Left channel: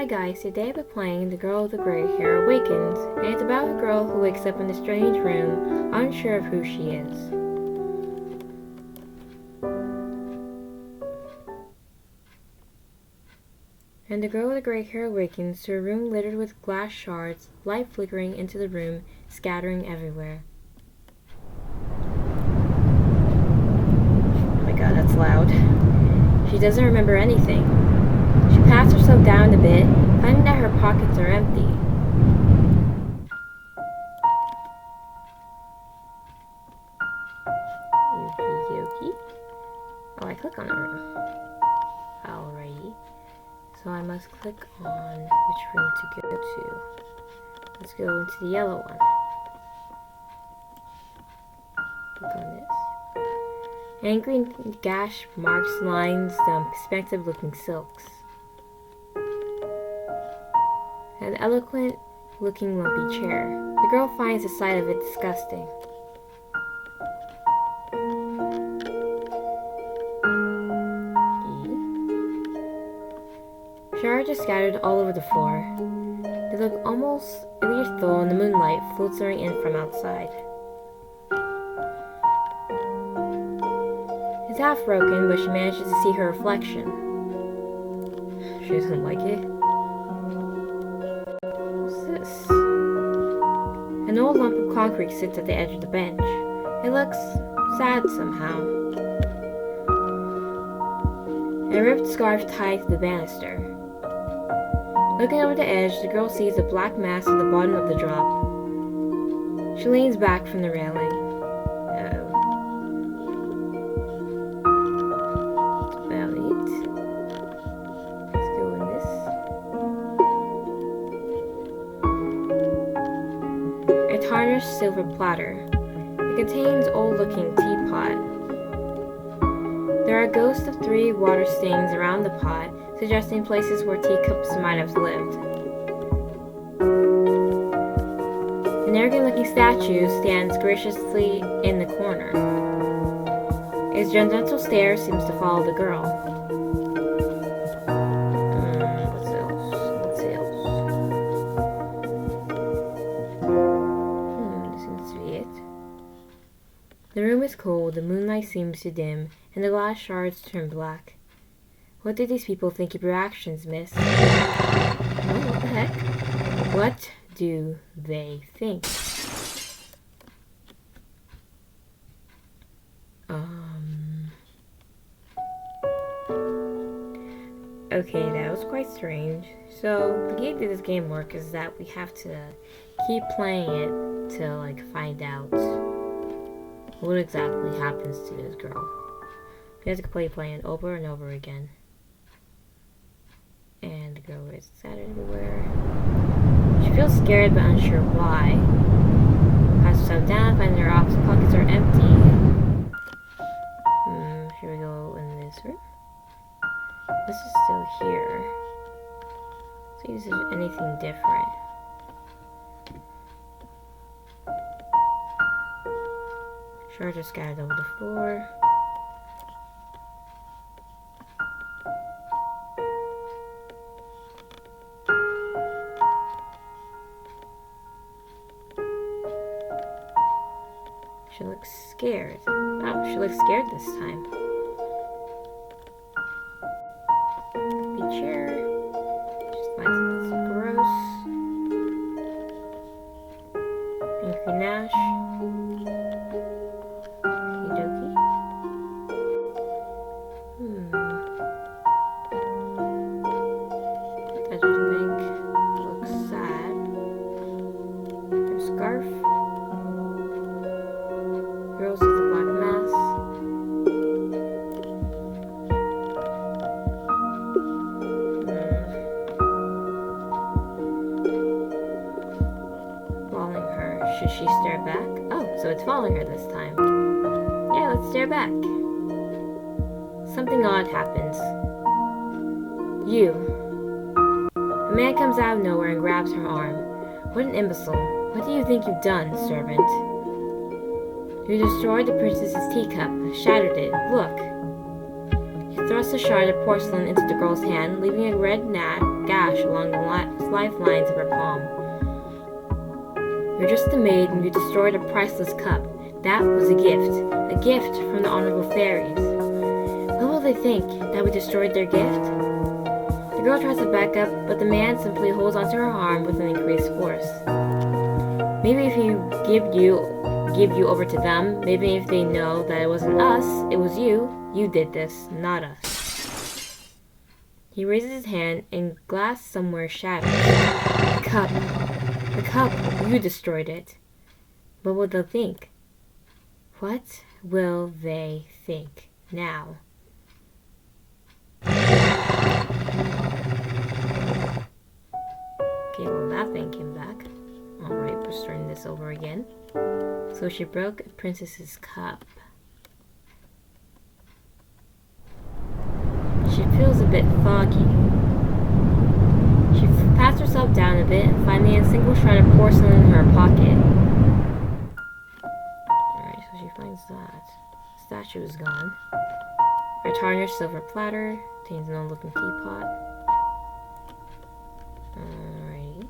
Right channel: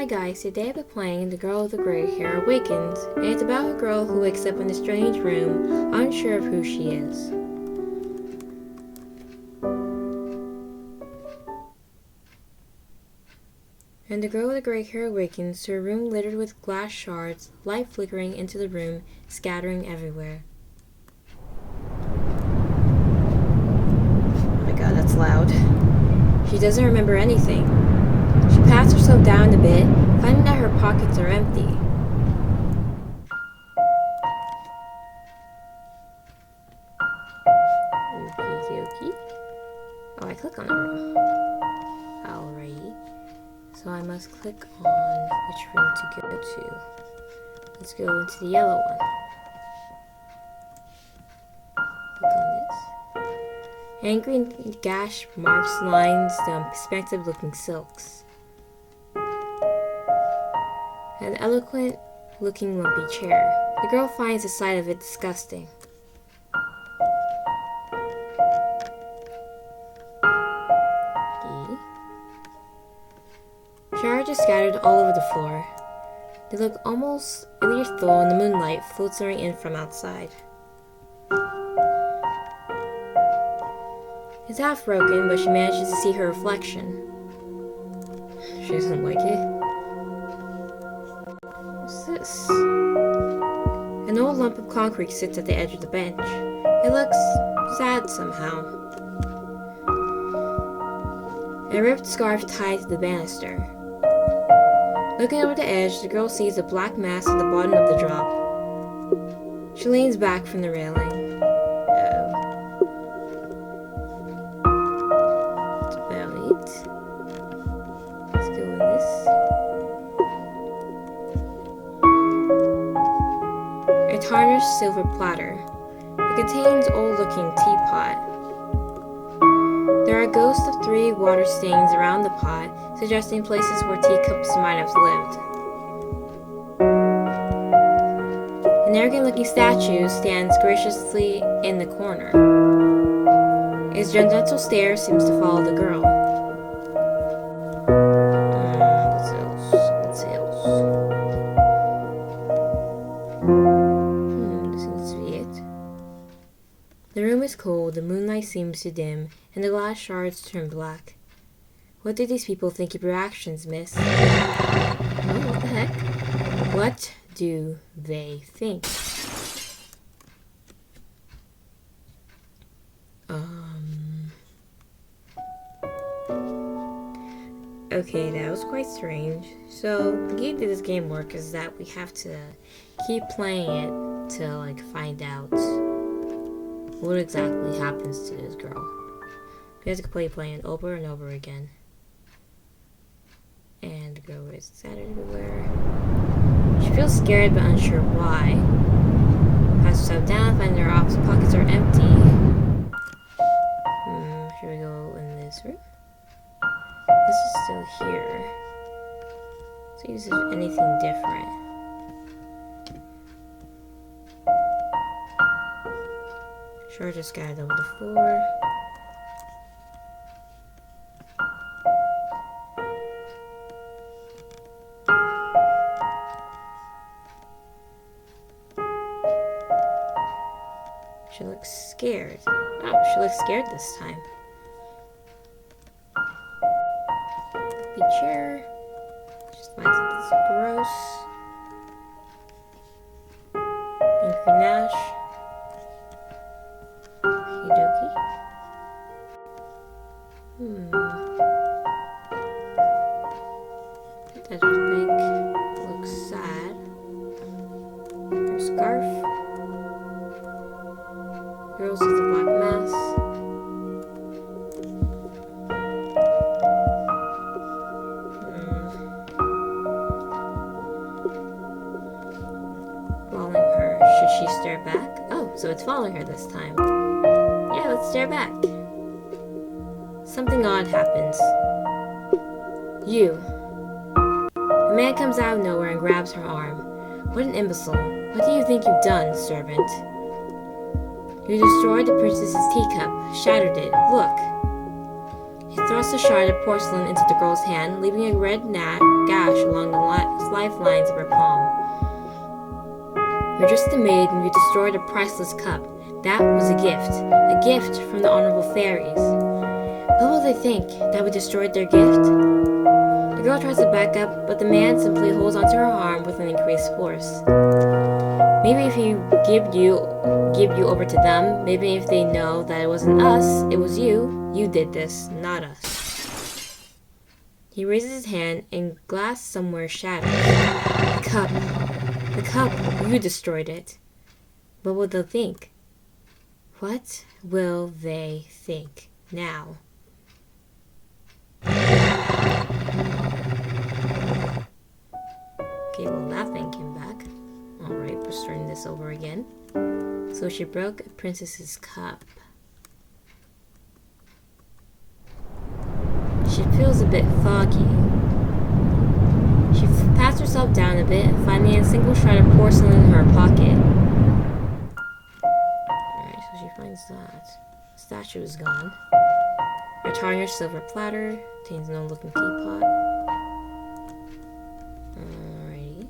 Hi guys, today I'll be playing The Girl with the Grey Hair Awakens, and it's about a girl who wakes up in a strange room, unsure of who she is. And the girl with the grey hair awakens to a room littered with glass shards, light flickering into the room, scattering everywhere. Oh my god, that's loud. She doesn't remember anything. She pats herself down a bit, finding that her pockets are empty. Okie dokie. Oh, I click on the room. Alrighty. So I must click on which room to go to. Let's go into the yellow one. Click on this. Angry gash marks lines the perspective looking silks. An eloquent looking lumpy chair. The girl finds the sight of it disgusting. Shards are scattered all over the floor. They look almost ethereal in the moonlight filtering in from outside. It's half broken, but she manages to see her reflection. She doesn't like it. What's this? An old lump of concrete sits at the edge of the bench. It looks sad somehow. A ripped scarf tied to the banister. Looking over the edge, the girl sees a black mass at the bottom of the drop. She leans back from the railing. Oh. That's about it. Let's go in this. A tarnished silver platter. It contains old-looking teapot. There are ghosts of 3 water stains around the pot, suggesting places where teacups might have lived. An arrogant-looking statue stands graciously in the corner. Its gentle stare seems to follow the girl. What's else? This seems to be it. The room is cold, the moonlight seems to dim, and the glass shards turn black. What do these people think of your actions, miss? Oh, what the heck? What do they think? Okay, that was quite strange. So, the key to this game work is that we have to keep playing it to, find out what exactly happens to this girl. We have to playing it over and over again. And the girl is scattered everywhere. She feels scared but unsure why. Pats herself down, finding her pockets are empty. Should we go in this room? This is still here. See if there's anything different. Shards are scattered over the floor. She looks scared. Oh, she looks scared this time. The chair. Just finds it's gross. Angry Nash. Okie dokie. That edge of the bank looks sad. Her scarf. Girl sees a black mass. Following her. Should she stare back? Oh, so it's following her this time. Yeah, let's stare back. Something odd happens. You. A man comes out of nowhere and grabs her arm. What an imbecile. What do you think you've done, servant? You destroyed the princess's teacup, shattered it. Look. It's thrust a shard of porcelain into the girl's hand, leaving a red gash along the lifelines of her palm. "You're just a maid and you destroyed a priceless cup. That was a gift from the honorable fairies. What will they think? That we destroyed their gift?" The girl tries to back up, but the man simply holds onto her arm with an increased force. "Maybe if you give you over to them, maybe if they know that it wasn't us, it was you did this, not us." He raises his hand and glass somewhere shatters. The cup, you destroyed it. What will they think? What will they think now? Okay, well that thing came back. Alright, we're starting this over again. So she broke a princess's cup. She feels a bit foggy. She pats herself down a bit, finding a single shred of porcelain in her pocket. Alright, so she finds that. The statue is gone. Her tarnished silver platter contains an old-looking teapot. Alrighty.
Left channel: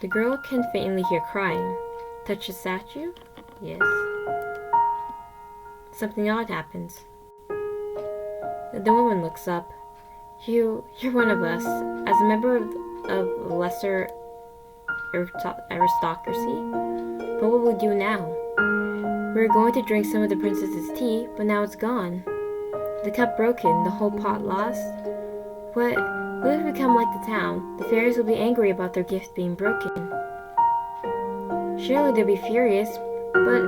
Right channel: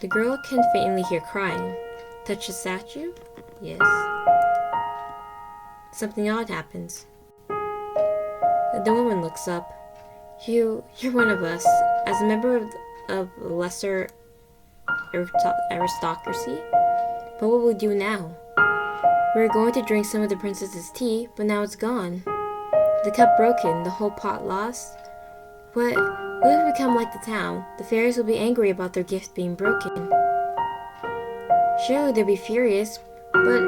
The girl can faintly hear crying. Touch the statue? Yes. Something odd happens. The woman looks up. You're one of us. As a member of lesser aristocracy? But what will we do now? We were going to drink some of the princess's tea, but now it's gone. The cup broken, the whole pot lost. What if we become like the town? The fairies will be angry about their gift being broken. Surely they'll be furious, but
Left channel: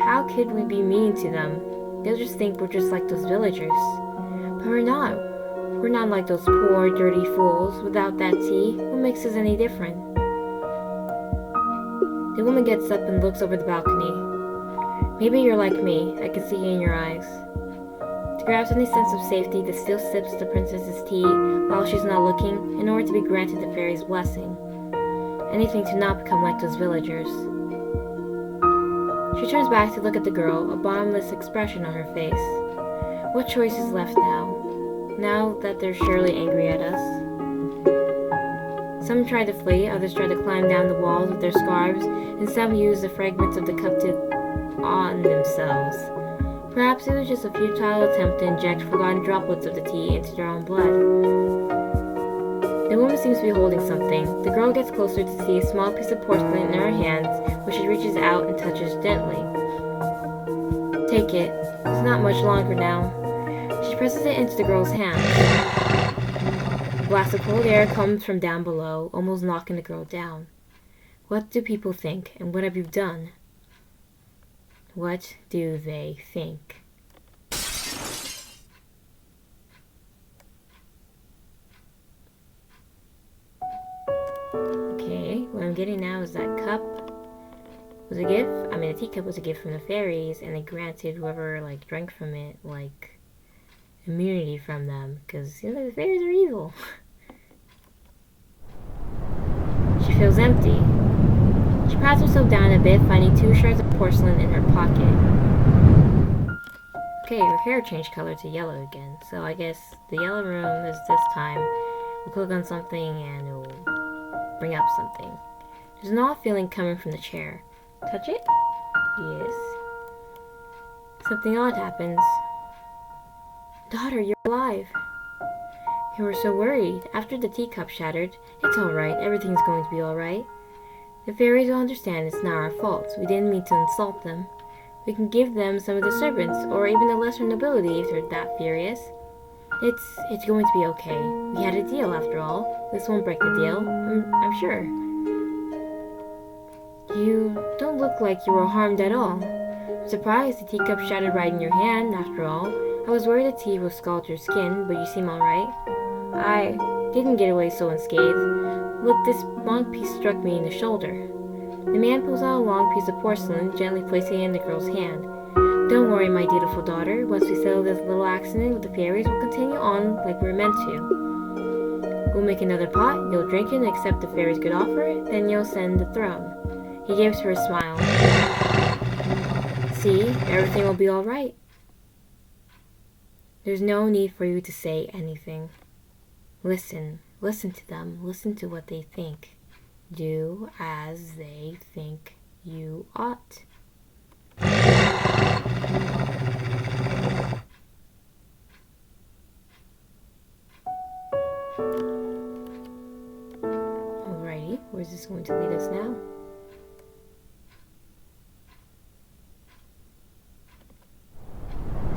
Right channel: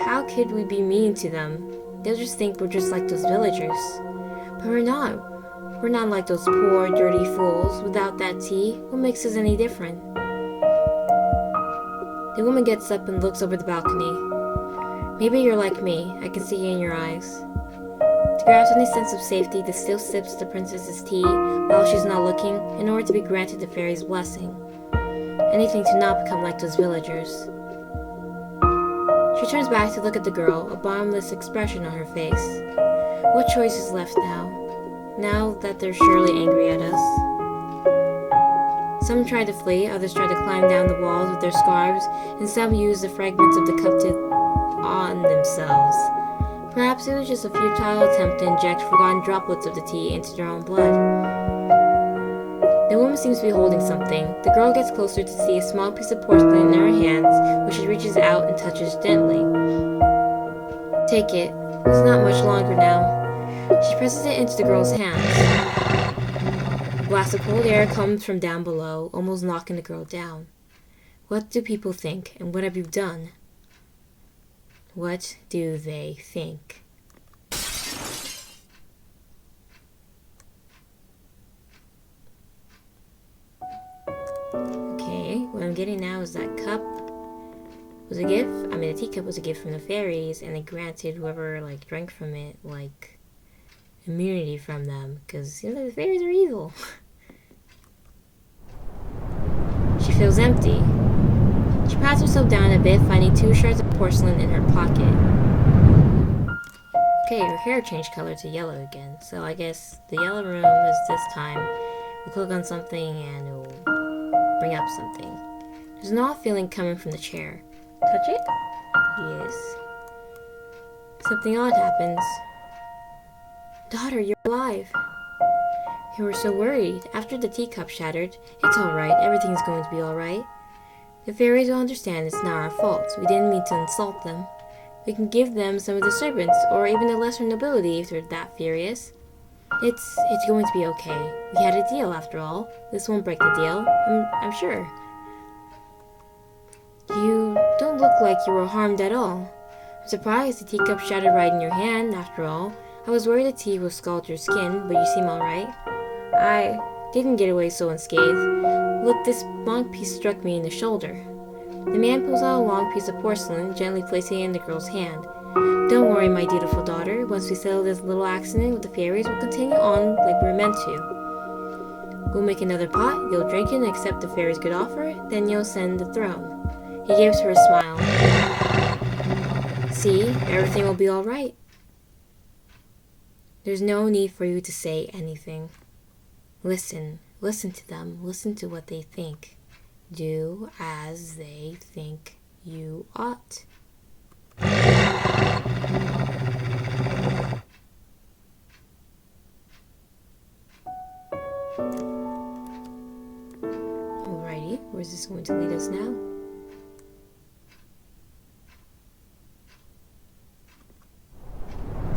how could we be mean to them? They'll just think we're just like those villagers. But we're not. We're not like those poor, dirty fools. Without that tea, what makes us any different? The woman gets up and looks over the balcony. Maybe you're like me. I can see it in your eyes. To grasp any sense of safety, the still sips the princess's tea while she's not looking in order to be granted the fairy's blessing. Anything to not become like those villagers. She turns back to look at the girl, a bottomless expression on her face. What choice is left now? Now that they're surely angry at us? Some try to flee, others try to climb down the walls with their scarves, and some use the fragments of the cup to on themselves. Perhaps it was just a futile attempt to inject forgotten droplets of the tea into their own blood. The woman seems to be holding something. The girl gets closer to see a small piece of porcelain in her hands, which she reaches out and touches gently. Take it. It's not much longer now. She presses it into the girl's hands. A blast of cold air comes from down below, almost knocking the girl down. What do people think, and what have you done? What do they think? Okay, what I'm getting now is that cup was a gift. I mean, the teacup was a gift from the fairies, and they granted whoever drank from it immunity from them, because the fairies are evil. She feels empty. She pats herself down a bit, finding 2 shards of porcelain in her pocket. Okay, her hair changed color to yellow again, so I guess the yellow room is this time. We'll click on something and it will bring up something. There's an odd feeling coming from the chair. Touch it? Yes. Something odd happens. Daughter, you're alive. You were so worried. After the teacup shattered, it's alright, everything's going to be alright. The fairies will understand it's not our fault. We didn't mean to insult them. We can give them some of the servants, or even the lesser nobility if they're that furious. It's going to be okay. We had a deal after all. This won't break the deal, I'm sure. You don't look like you were harmed at all. I'm surprised the teacup shattered right in your hand, after all. I was worried the tea would scald your skin, but you seem alright. I didn't get away so unscathed. Look, this long piece struck me in the shoulder. The man pulls out a long piece of porcelain, gently placing it in the girl's hand. Don't worry, my dutiful daughter. Once we settle this little accident with the fairies, we'll continue on like we're meant to. We'll make another pot, you'll drink it and accept the fairies' good offer, then you'll ascend the throne. He gives her a smile. See, everything will be alright. There's no need for you to say anything. Listen to them, listen to what they think. Do as they think you ought. Alrighty, where's this going to lead us now?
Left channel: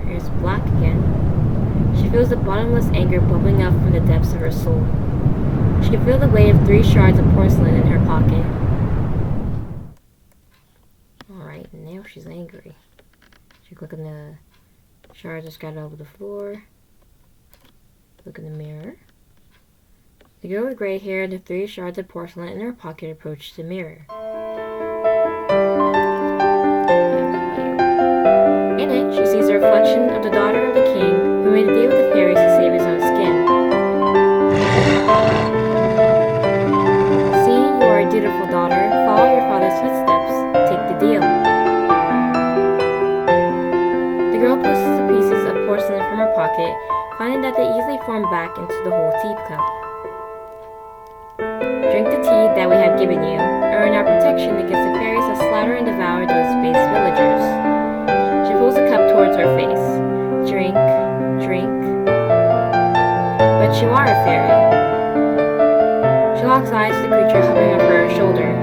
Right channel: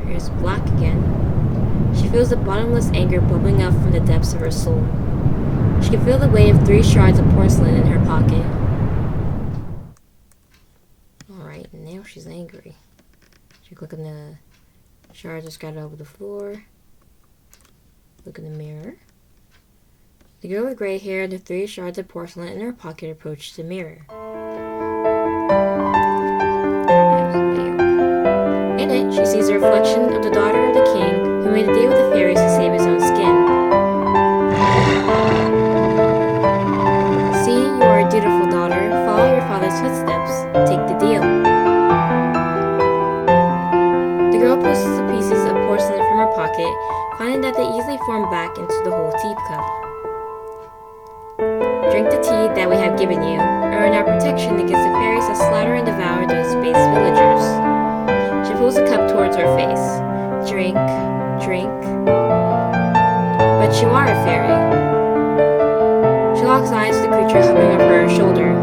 Here's Black again. She feels the bottomless anger bubbling up from the depths of her soul. She can feel the weight of 3 shards of porcelain in her pocket. Alright, now she's angry. She click on the shards are scattered over the floor. Look in the mirror. The girl with gray hair and the 3 shards of porcelain in her pocket approached the mirror. In it, she sees the reflection of the daughter of the king who made a deal with the fairies to save his own skin. See, you are a dutiful daughter. Follow your father's footsteps. Take the deal. The girl pushes the pieces of porcelain from her pocket, finding that they easily form back into the whole teacup. Drink the tea that we have given you. Earn our protection against the fairies that slaughter and devour those space villagers. She pulls the cup towards her face. Drink, drink. But you are a fairy. She locks eyes with the creature hovering over her shoulder.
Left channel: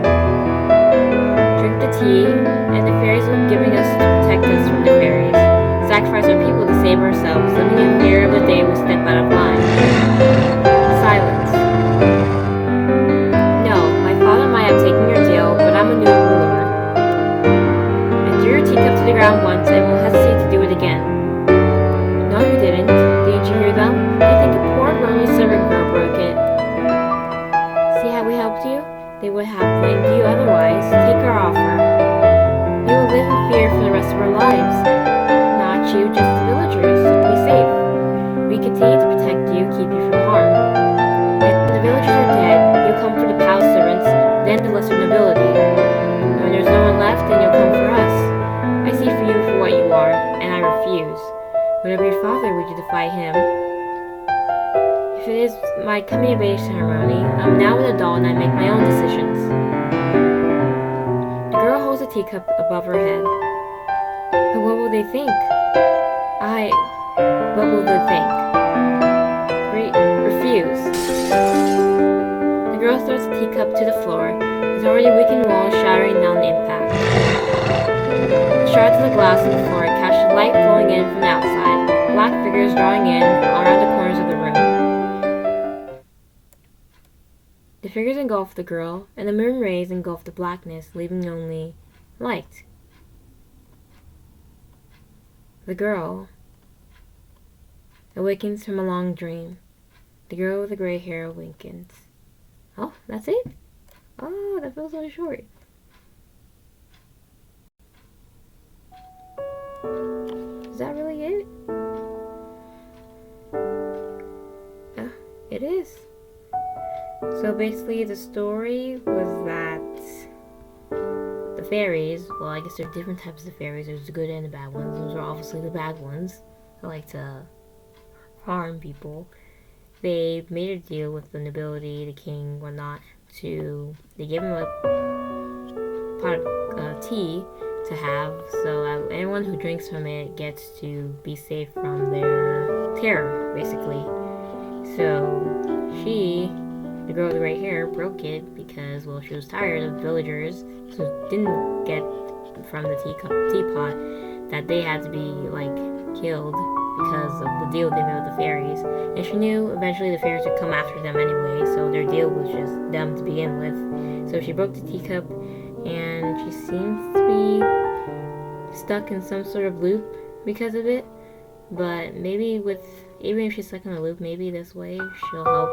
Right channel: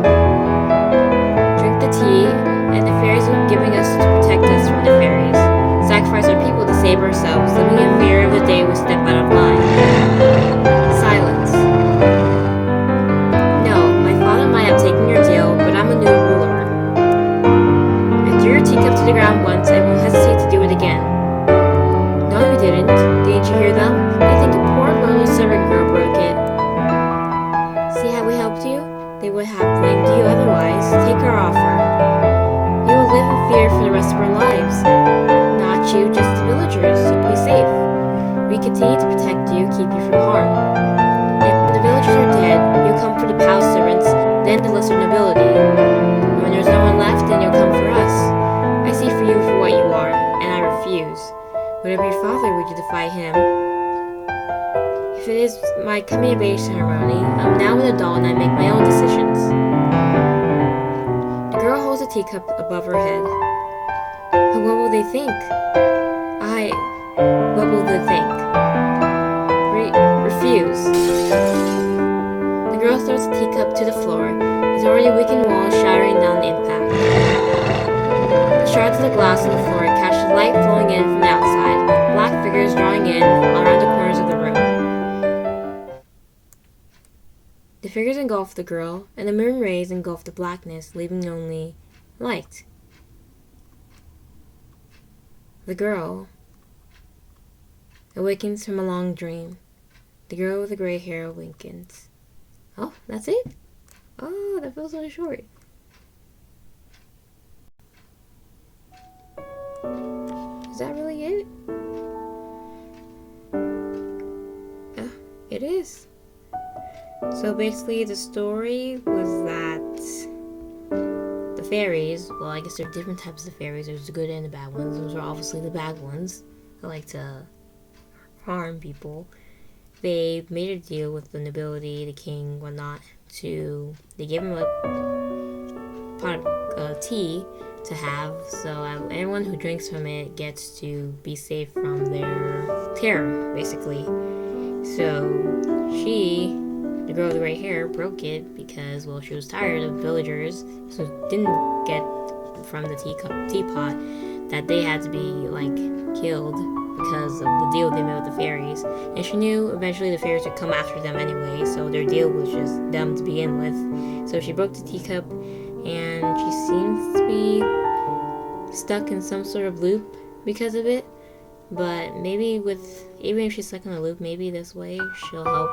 Drink the tea, and the fairies are giving us to protect us from the fairies. Sacrifice our people to save ourselves, living in fear of the day we step out of line. Silence. No, my father might have taken your deal, but I'm a new ruler. I threw your teacup to the ground once and won't hesitate to do it again. No, you didn't. Didn't you hear them? They think a poor lonely servant girl broke it. See how we helped you? They would have blamed you otherwise. Take our offer. You will live in fear for the rest of our lives. Not you, just the villagers. You'll be safe. We continue to protect you, keep you from harm. If the villagers are dead, you'll come for the palace servants, then the lesser nobility. And when there's no one left, then you'll come for us. I see for you for what you are, and I refuse. Whatever your father, would you defy him? If it is my coming of age ceremony, I'm now an adult and I make my own decisions. The girl holds a teacup above her head. But what will they think? What will they think? Refuse. The girl throws the teacup to the floor. Its already weakened walls shattering down the impact. The shards of the glass on the floor catch the light flowing in from the outside, black figures drawing in around the corners of the room. The figures engulf the girl, and the moon rays engulf the blackness, leaving only light. The girl awakens from a long dream. The girl with the gray hair awakens. Oh, that's it? Oh, that feels so short. Is that really it? It is. So basically the story was that the fairies, well, I guess there are different types of fairies. There's the good and the bad ones. Those are obviously the bad ones that like to harm people. They made a deal with the nobility, the king, whatnot, they gave him a pot of tea to have, so anyone who drinks from it gets to be safe from their terror, basically. So the girl with the gray hair, broke it because, well, she was tired of villagers who didn't get from the teapot that they had to be, like, killed because of the deal they made with the fairies. And she knew eventually the fairies would come after them anyway, so their deal was just them to begin with. So she broke the teacup, and she seems to be stuck in some sort of loop because of it. But maybe even if she's stuck in a loop, maybe this way she'll help.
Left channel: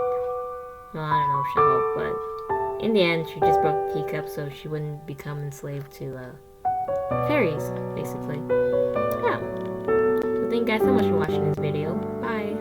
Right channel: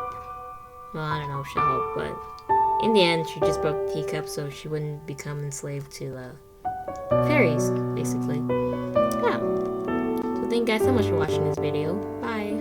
Well, I don't know if she'll help, but in the end, she just broke the teacup so she wouldn't become enslaved to fairies, basically. Yeah. So thank you guys so much for watching this video. Bye.